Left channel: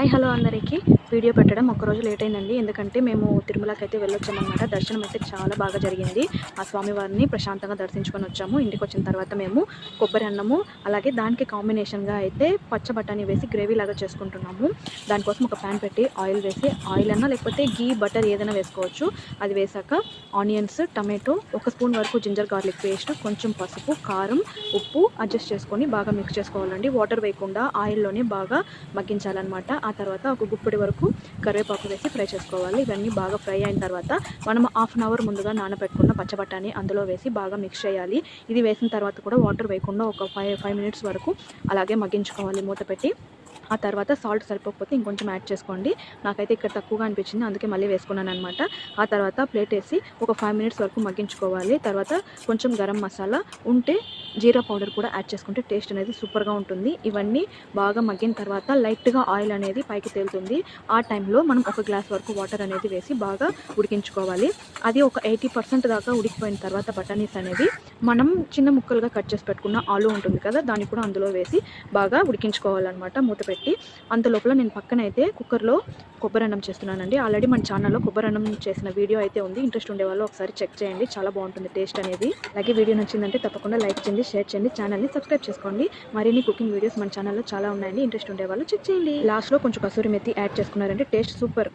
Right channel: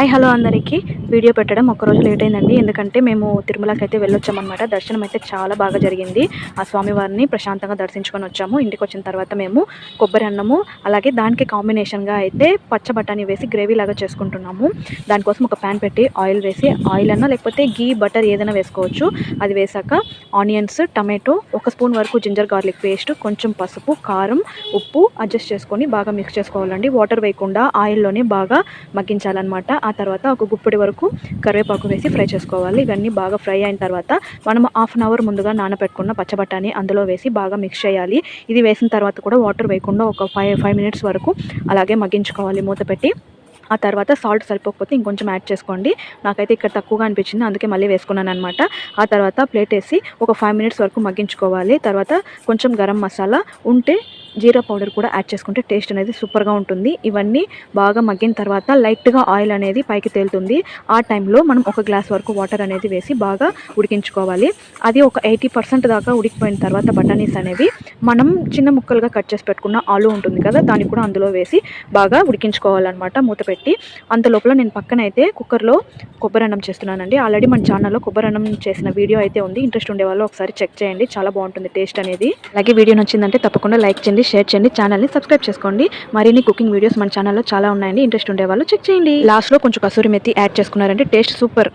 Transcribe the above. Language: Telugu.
హాయ్ హలో అందరికీ. వీడియో పెట్టడం ఒక రోజు లేట్ అయిందండి. ఎందుకంటే మేము తిరుమలకి అయితే వెళ్ళొచ్చామన్నమాట. దర్శనం అయితే చాలా బాగా జరిగింది. ఆ స్వామివారిని ప్రశాంతంగా దర్శించుకొని వచ్చాము. ఇంటికి వచ్చిన తర్వాత మేము కొబ్బరి అన్నము అలాగే దానికి కాంబినేషన్గా అయితే పచ్చ బఠానీ వేసి గ్రేవీ లాగా చేసుకుంటున్నాము. దానికోసం ఒక ప్యాన్ పెట్టి ఆయిల్ వేసి ఆయిల్ అన్నా లేకపోతే గీ బటర్ ఏదైనా వేసుకోవచ్చు. అది వేసాక ఆనియన్స్ టమాటో ఒక స్పూన్ వరకు జింజర్ గార్లిక్ పేస్ట్ కొంచెం పసుపు కారం ఉప్పు అడ్జస్ట్ చేసుకొని బాగా మిక్స్ చేసుకోవాలండి. వాటర్ వేయకుండా ఆయిల్లోనే బాగా మగ్గించాలన్నమాట. ఆ తర్వాత ఒక గుప్పటి వరకు కరివేపాకు వేసి ఫ్రై చేసుకోవాలి. ఇవన్నీ బాగా ఫ్రై అయిన తర్వాత మనం హాఫ్ అన్ అవర్ ముందుగా నానబెట్టుకున్న పచ్చబట్టాని అందులో వేసి బాగా మిక్స్ చేయాలి. ఇది వేసిన తర్వాత కూడా వాటర్ వేయకుండా ఒక ఫైవ్ ఫైవ్ మినిట్స్ వరకు అలాగే మగ్గించుకోవాలి మూత పెట్టి. ఆ తర్వాత సాల్ట్ సరిపోకపోతే ఇంకొంచెం యాడ్ చేసుకోండి. నాకైతే ఇక్కడ తక్కువగా అనిపించింది అందుకే మళ్ళీ వేసుకున్నాను అనమాట ఆ తర్వాత ప్లేట్ వేసి ఒక ఫైవ్ మినిట్స్ వరకు మగ్గించుకోవాలి. తర్వాత కొంచెం గరం మసాలా ఉంటే జీరా పౌడర్ కూడా యాడ్ చేసుకుంటే టేస్ట్ అనేది సూపర్గా ఉంటుంది. ఇవన్నీ బాగా మగ్గిన తర్వాత లైట్గా ఆయిల్ అనేది పైకి తేలుతుంది. ఆ టైంలో మనం ఒక గ్లాస్ వరకు వాటర్ అనేది వేసి బాగా ఉడికించుకోవాలి. అది ఒక ఎయిటీ పర్సెంట్ దాకా ఉడికిపోయిన తర్వాత బఠానీస్ అనేవి మనం చిన్న ముక్కలుగా కట్ చేసి పెట్టుకున్న ఆలు ఉంటుంది కదా దాన్ని కూడా అందులో వేసి బాగా ఉడికించుకోవాలన్నమాట మూత పెట్టి. అంత లోపల నేను పక్కన అయితే కుక్కర్లో కొబ్బరి అన్నం చేస్తున్నానండి. ఆల్రెడీ మన ఛానల్లో కొబ్బరి అన్నం చేసిన వీడియో అయితే ఉంది. ఇంట్రెస్ట్ ఉండే వాళ్ళు ఒకసారి చెక్ చేయండి. చాలా బాగుంటుంది టేస్ట్ అనేది. అలాగే వీడియో నచ్చిందంటే తప్పకుండా లైక్ చేయండి. షేర్ చేయండి ఛానల్ని సబ్స్క్రైబ్ చేసుకోండి. మరిన్ని కుకింగ్ వీడియోస్ మన ఛానల్లో చాలా ఉన్నాయండి. ఇంట్రెస్ట్ ఉండే వాళ్ళు చెక్ చేయండి. లాస్ట్లో కొంచెం కసూరి మెత్తి యాడ్ చేసుకున్నారంటే టేస్ట్ సూపర్